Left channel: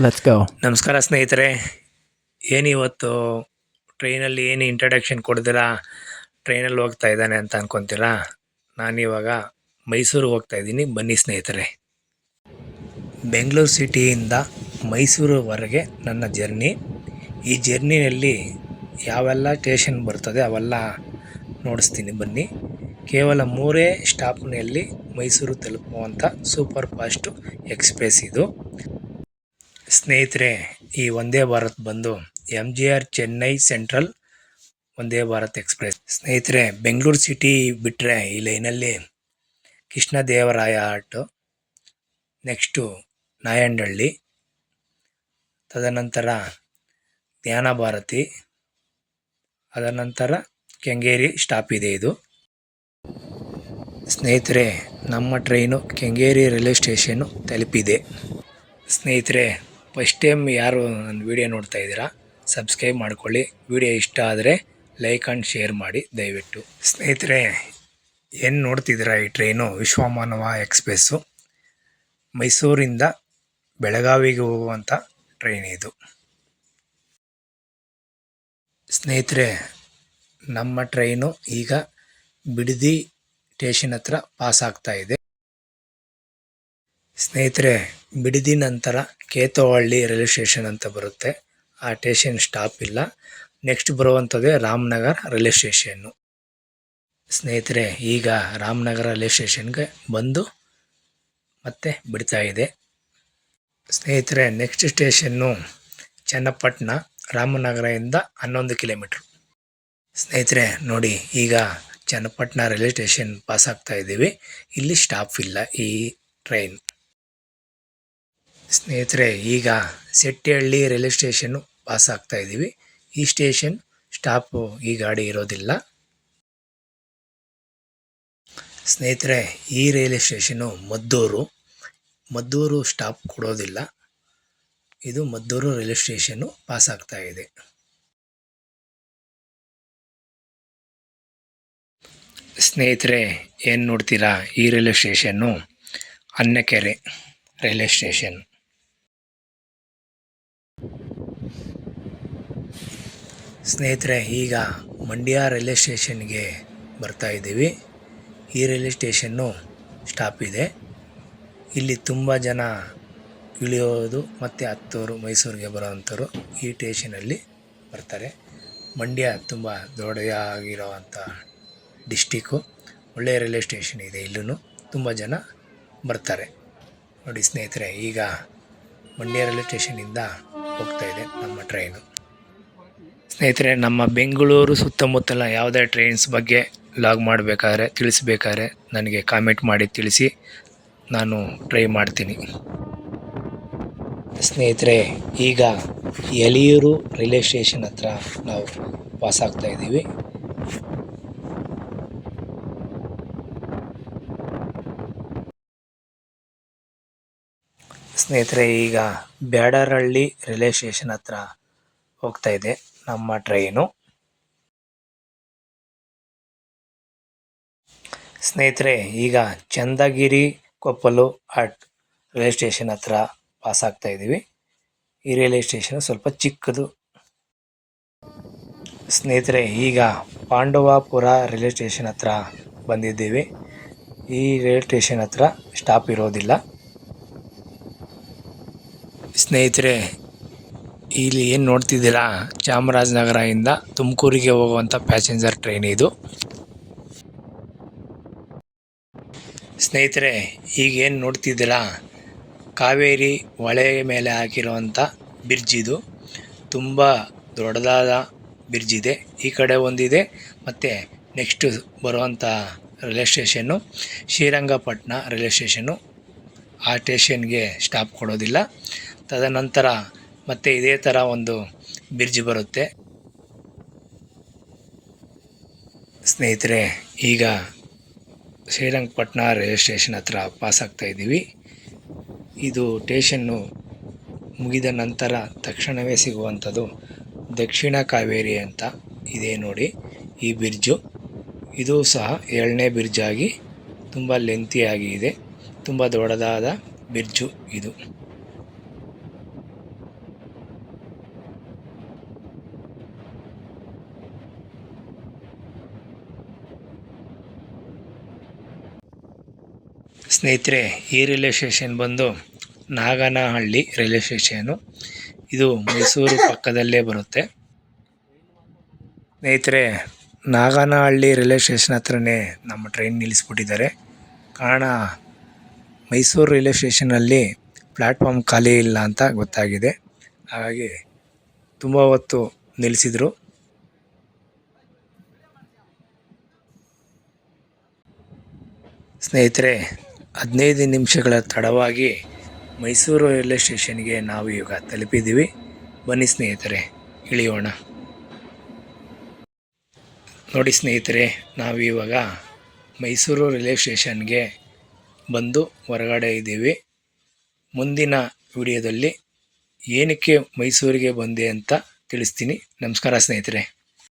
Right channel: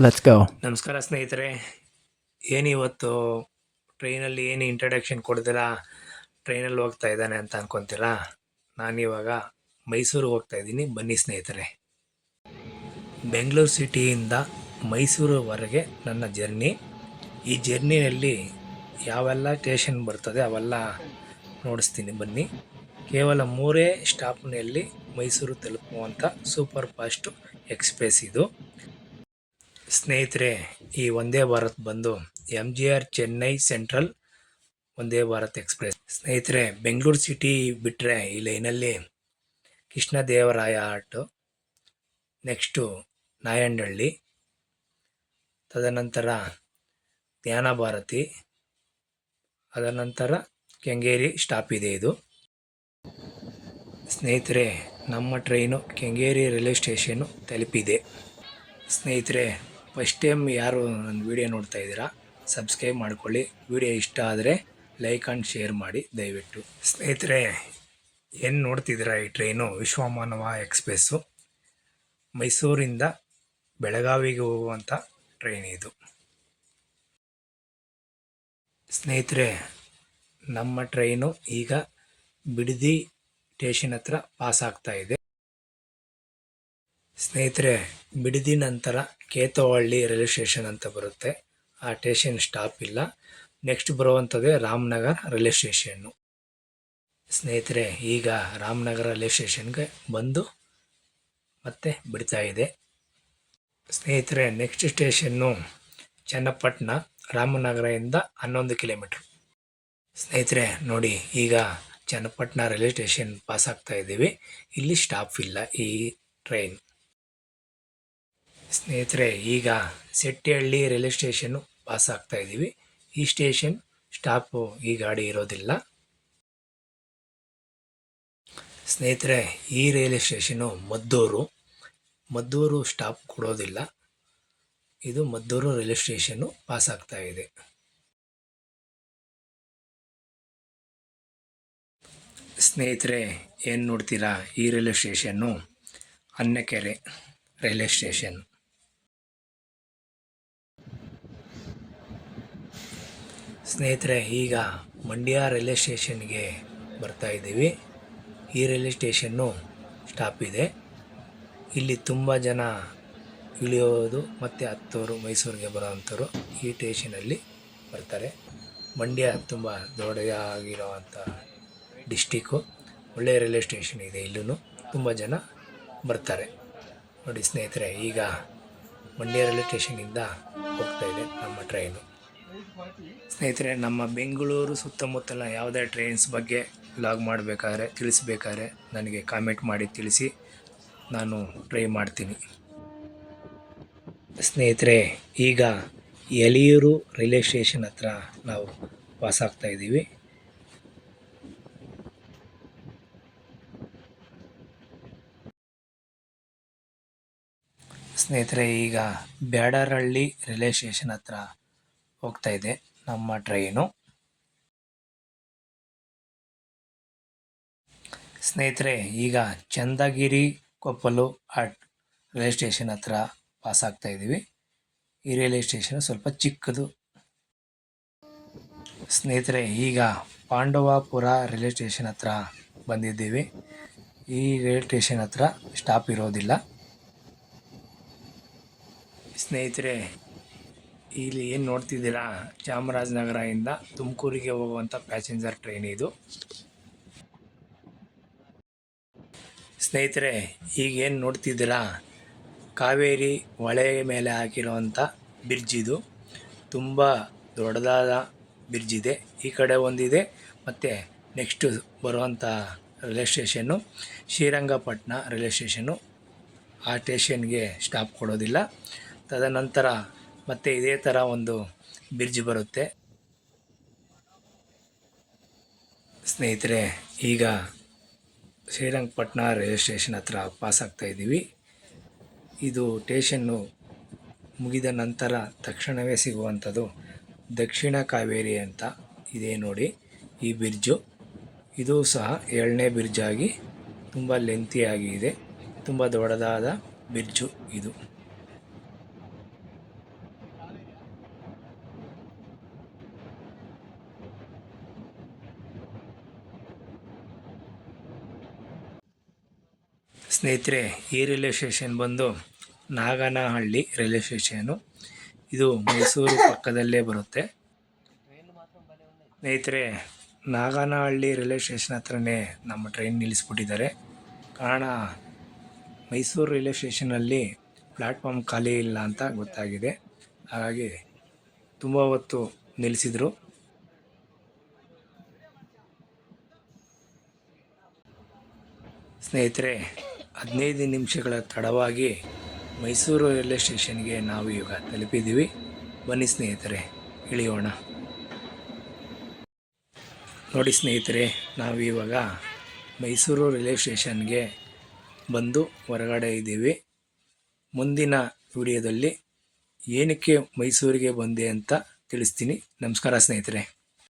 Let's ಗೋ ನಮಸ್ಕಾರ ಸ್ನೇಹಿತರೆ, ಏನಿವತ್ತು ಟ್ರೈನಲ್ಲಿ ಏನು ಇಂಟ್ರಡಕ್ಷನ್ ಕೊಡ್ದಿರಾ ಟ್ರೈನಲ್ಲಿ ಹೋಗ್ತಾ ಇದ್ದಾನೆ ಅಂತ ಅನ್ಕೊಂತೀರಾ? ನಾನಿವಾಗ ಮೈಸೂರು ಹೋಗ್ತಾ ಇದ್ದೀನಿ. ಬನ್ನಿ ಸ್ನೇಹಿತರೆ. ಬೆಂಗಳೂರು ಸಿಟಿಯಿಂದ ಮೈಸೂರುವರೆಗೆ ನನ್ನ ಜರ್ನಿ ಈ ಜರ್ನಿಯಲ್ಲಿ ಯಾವೆಲ್ಲ ಸ್ಟೇಷನ್ ಬರ್ತದೆ ಅವೆಲ್ಲ ನೋಡಿಸ್ತೀನಿ. ಬನ್ನಿ. ಕೇವಲ ಮೂರೇ ಸ್ಟಾಪ್ನಲ್ಲಿ ಮೈಸೂರು ತಲುಪುವಂಥ ಸೂಪರ್ ಫಾಸ್ಟ್ ಎಕ್ಸ್ಪ್ರೆಸ್ ಇದು. ಸ್ನೇಹಿತರೆ, ಈ ಒಂದೇ ಭಾರತ್ ಬಂದು M G R Chennai central ಒಂದೇ ಭಾರತ್ ಎಕ್ಸ್ಪ್ರೆಸ್. ಸ್ನೇಹಿತರೆ, ಬೆಂಗಳೂರು ಸಿಟಿ ಬಿಟ್ಟರೆ ಈ ಲೈನಲ್ಲಿ ಕೃಷ್ಣದೇವರಾಯ ಆಟೋ ನೆಕ್ಸ್ಟು ನಾಯಂಡಹಳ್ಳಿ, ತದನಂತರ ಜ್ಞಾನ ಭಾರತಿ ಅದನಂತರ ಕೆಂಗೇರಿ ಸ್ಟಾಪ್ ಇದೆ ಇದು. ಸ್ನೇಹಿತರೆ, ನಮ್ಮ ಟ್ರೈನು ಕೆಂಗೇರಿ ರೈಲ್ವೆ ಸ್ಟೇಷನ್ನು ತಲುಪಿದೆ. ಸ್ನೇಹಿತರೆ ಫಸ್ಟ್ ಟೈಮ್ ಯಾರು ನನ್ನ ವಿಡಿಯೋ ನೋಡ್ತಾ ಇದ್ದೀರಾ, ಸಬ್ಸ್ಕ್ರೈಬ್ ಮಾಡ್ಕೊಳ್ಳಿ. ವಿಡಿಯೋ ಇಷ್ಟ ಆದರೆ ಲೈಕ್ ಆ್ಯಂಡ್ ಶೇರ್ ಮಾಡಿ, ದಯವಿಟ್ಟು. ಸ್ನೇಹಿತರೆ, ಏನು ನೋಡ್ತಿದ್ದೀರಾ ಈ ಟ್ರೈನು? ವಿಶ್ವಮಾನವ ಎಕ್ಸ್ಪ್ರೆಸ್ಸು. ಮೈಸೂರಿಂದ ಬೆಳಗಾವಿಗೆ ಹೋಗುವಂಥ ಟ್ರೈನ್ ಇದು. ಸ್ನೇಹಿತರೆ, ನಮ್ಮ ಟ್ರೈನು ಈಗ ಬಿಡದಿ ಸ್ಟೇಷನ್ ಹತ್ರ ಪಾಸ್ ಆಗ್ತಾ ಇದೆ. ಸ್ನೇಹಿತರೆ ಬಿಡದಿ ನಂತರ ಕೇತವಳ್ಳಿ ರೈಲ್ವೆ ಸ್ಟೇಷನ್ ಅಂತ ಬರುತ್ತೆ. ಆ ಸ್ಟೇಷನ್ ಸ್ಟಾಪ್ ಇಲ್ಲ. ನೆಕ್ಸ್ಟ್ ಬರುವಂಥದ್ದೇ ರಾಮನಗರ ರೈಲ್ವೆ ಸ್ಟೇಷನ್ನು ಸ್ನೇಹಿತರೆ, ಈಗ ರಾಮನಗರ ರೈಲ್ವೆ ಸ್ಟೇಷನ್ಗೆ ಬಂದು ಮತ್ತೆ ಬಿಡ್ತಾ ಇದೆ. ಸ್ನೇಹಿತರೆ ನೆಕ್ಸ್ಟ್ ಸ್ಟೇಷನ್ನು ಚನ್ನಪಟ್ಟಣ ರಾಮನಗರದಿಂದ ಹನ್ನೊಂದು ಕಿಲೋಮೀಟ್ರ್. ಸ್ನೇಹಿತರೆ, ನೋಡಿ, ಈಗ ಚನ್ನಪಟ್ಟಣ ರೈಲ್ವೆ ಸ್ಟೇಷನ್ ಪಾಸ್ ಆಗ್ತಾ ಇದ್ದೀವಿ. ಇಲ್ಲಿ ಸ್ಟಾಪ್ ಇಲ್ಲ ಈ ಟ್ರೈನ್ ಸ್ನೇಹಿತರೆ, ಈಗ ಸೆಟ್ಟಿಹಳ್ಳಿ ರೈಲ್ವೆ ಸ್ಟೇಷನ್ನು ಪಾಸ್ ಆಗ್ತಾ ಇದ್ದೀವಿ. ಈ ಸ್ಟೇಷನ್ ಸ್ಟಾಪು ಈ ಗಾಡಿ ಇರೋದಿಲ್ಲ. ಸ್ನೇಹಿತರೆ, ಈ railway station Maddur Maddur stop ಕೊಡೋದಿಲ್ಲ. ಇದು ಮದ್ದೂರು ರೈಲ್ವೆ ಸ್ಟೇಷನ್ನು ಪಾಸ್ ಆಗ್ತಾ ಇದೆ. ಸ್ನೇಹಿತರೆ, ಏನು ನೋಡ್ತೀರಾ? ಈ railway station Annakere railway station. ಸ್ನೇಹಿತರೆ, ಈಗ ಮಂಡ್ಯ ರೈಲ್ವೆ ಸ್ಟೇಷನ್ಗೆ ಬರ್ತಾ ಇದ್ದೀವಿ. ಈ ರೈಲ್ವೆ ಸ್ಟೇಷನ್ನು ಸ್ಟಾಪ್ ಇದೆ. ಇಲ್ಲಿ ತುಂಬ ಜನ ಇಳಿಯೋದು ಮತ್ತು ಹತ್ತೋರು ಮೈಸೂರಿಗೆ ಬರೋವಂಥವ್ರು ಈ ಸ್ಟೇಷನಲ್ಲಿ ಬರ್ತಾರೆ. ಮಂಡ್ಯ ತುಂಬ ದೊಡ್ಡದಾಗಿರೋವಂಥ ಡಿಸ್ಟಿಕ್ಕು ಒಳ್ಳೆಯ ರೈಲ್ವೆ ಸ್ಟೇಷನ್ ಇದೆ ಇಲ್ಲೂ ತುಂಬ ಜನ ಬರ್ತಾರೆ. ನೋಡಿ ಸ್ನೇಹಿತರೆ, ಈಗ ಮಂಡ್ಯ ರೈಲ್ವೆ ಸ್ಟೇಷನಿಂದ ಹೋಗ್ತಾ ಇದೆ ನಮ್ಮ ಟ್ರೈನು. ಸ್ನೇಹಿತರೆ, ನಮ್ಮ ಬೆಂಗಳೂರು ಸುತ್ತಮುತ್ತಲ ಯಾವುದೇ ಟ್ರೈನ್ಸ್ ಬಗ್ಗೆ ಲಾಗ್ ಮಾಡಬೇಕಾದ್ರೆ, ತಿಳಿಸ್ಬೇಕಾದ್ರೆ ನನಗೆ ಕಾಮೆಂಟ್ ಮಾಡಿ ತಿಳಿಸಿ, ನಾನು ಟ್ರೈ ಮಾಡ್ತೀನಿ. ಸ್ನೇಹಿತರೆ, ಈಗ ಎಲಿಯೂರು ರೈಲ್ವೆ ಸ್ಟೇಷನ್ ಹತ್ರ ನಾವು ಪಾಸ್ ಆಗ್ತಾ ಇದ್ದೀವಿ. ಸ್ನೇಹಿತರೆ, ಈಗ ಬ್ಯಾಡರಹಳ್ಳಿ ರೈಲ್ವೆ ಸ್ಟೇಷನ್ ಹತ್ರ ಹೋಗ್ತಾ ಇದೆ. ನಮ್ಮ ಟ್ರೈನು ಸ್ನೇಹಿತರೆ, ಈಗ Chandagiri, Koppalu at railway station ಹತ್ರ ಪಾಸ್ ಆಗ್ತಾ ಇದ್ದೀವಿ. ಈ ರೈಲ್ವೆ ಸ್ಟೇಷನ್ ಸ್ವಲ್ಪ ಚಿಕ್ಕದು. ಸ್ನೇಹಿತರೆ, ಈಗ ಪಾಂಡವಾಪುರ ರೈಲ್ವೆ ಸ್ಟೇಷನ್ ಹತ್ರ ಬಂದಿದ್ದೀವಿ. ಈ ರೈಲ್ವೆ ಸ್ಟೇಷನ್ ಹತ್ರ ಸ್ಟಾಪ್ ಇರೋದಿಲ್ಲ. ಸ್ನೇಹಿತರೆ ಇಲ್ಲಿ ಏನು ನೋಡ್ತಿದ್ದೀರಾ? ಚಾಮರಾಜನಗರದಿಂದ ತುಮಕೂರಿಗೆ ಹೋಗುವಂಥ ಪ್ಯಾಸೆಂಜರ್ ಟ್ರೈನ್ ಇದು. ಸ್ನೇಹಿತರೆ, ಈಗ ಏನು ನೋಡ್ತಿದ್ದೀರಾ? ಕಾವೇರಿ ಹೊಳೆ ಮೇಲೆ ಹಾಕಿರುವಂಥ ಬ್ರಿಡ್ಜ್ ಇದು. ತುಂಬ ದೊಡ್ಡದಾದ ಬ್ರಿಡ್ಜ್ ಇದೆ. ಈ ಕಡೆ ಒಂದಿದೆ, ಮತ್ತು ನೆಕ್ಸ್ಟು ಬರುವಂಥ railway station Srirangapatna railway station ಆ ಸ್ಟೇಷನ್ಗೆ ಸ್ಟಾಪ್ ಕೊಡೋದಿಲ್ಲ. ತದನಂತರ ಮತ್ತೆ ಇದೇ ಥರ ಒಂದು ಬ್ರಿಡ್ಜ್ ಬರುತ್ತೆ. ಸ್ನೇಹಿತರೆ, ಈಗ ಶ್ರೀರಂಗಪಟ್ಟಣ ರೈಲ್ವೆ ಸ್ಟೇಷನ್ ಹತ್ರ ಪಾಸ್ ಆಗ್ತಾ ಇದ್ದೀವಿ. ಇದು ಸ್ಟೇಷನ್ನು ಮುಗಿದ ನಂತರ ತಕ್ಷಣವೇ ಸಿಗುವಂಥದ್ದು ದಕ್ಷಿಣ ಕಾವೇರಿ ಅಂತ ಇದೆ ನೋಡಿ ಈ ಬ್ರಿಡ್ಜು. ಇದು ಸಹ ಏಳನೇ ಬ್ರಿಡ್ಜ್ ಆಗಿ ತುಂಬ ಲೆಂತಿಯಾಗಿ ಇದೆ. ತುಂಬ ದೊಡ್ಡದಾದ ಬ್ರಿಡ್ಜು ಇದು. ಸ್ನೇಹಿತರೆ, ಈ ರೈಲ್ವೆ ಸ್ಟೇಷನ್ ಬಂದು ನಾಗನಹಳ್ಳಿ ರೈಲ್ವೆ ಸ್ಟೇಷನು ಇದು ಮೈಸೂರು ಪಕ್ಕದಲ್ಲೇ ಬರುತ್ತೆ. ಸ್ನೇಹಿತರೆ, ನಾಗನಹಳ್ಳಿ ರೈಲ್ವೆ ಸ್ಟೇಷನ್ ಹತ್ರನೇ ನಮ್ಮ ಟ್ರೈನ್ ನಿಲ್ಲಿಸ್ಬಿಟ್ಟಿದ್ದಾರೆ. ಕಾರಣ, ಮೈಸೂರು ರೈಲ್ವೆ ಸ್ಟೇಷನಲ್ಲಿ ಪ್ಲ್ಯಾಟ್ಫಾರ್ಮ್ ಖಾಲಿ ಇಲ್ಲ ಅಂತ ಗೊತ್ತಾಗಿದೆ. ಹಾಗಾಗಿ ತುಂಬ ಹೊತ್ತು ನಿಲ್ಲಿಸಿದರು. ಸ್ನೇಹಿತರೆ ಹದಿನೈದು ನಿಮಿಷಗಳ ತಡವಾಗಿ ಮೈಸೂರು ರೈಲ್ವೆ ಸ್ಟೇಷನ್ಗೆ ನಾವು ಈಗ ತಲುಪಿದ್ದೀವಿ. ಬನ್ನಿ ಸ್ನೇಹಿತರೆ, ಇಳಿಯೋಣ. ನೋಡಿ ಸ್ನೇಹಿತರೆ, ನಾವು ಇವಾಗ ಮೈಸೂರು ರೈಲ್ವೆ ಸ್ಟೇಷನ್ಗೆ ಬಂದು ಹೊರಗಡೆ ಇದ್ದೀವಿ. ಮುಂದಿನ ವಿಡಿಯೋದಲ್ಲಿ ಏನಕ್ಕೆ ಮೈಸೂರಿಗೆ ಬಂದೆ ಅಂತ ತಿಳಿಸ್ತೀನಿ. ನಮಸ್ಕಾರ ಸ್ನೇಹಿತರೆ.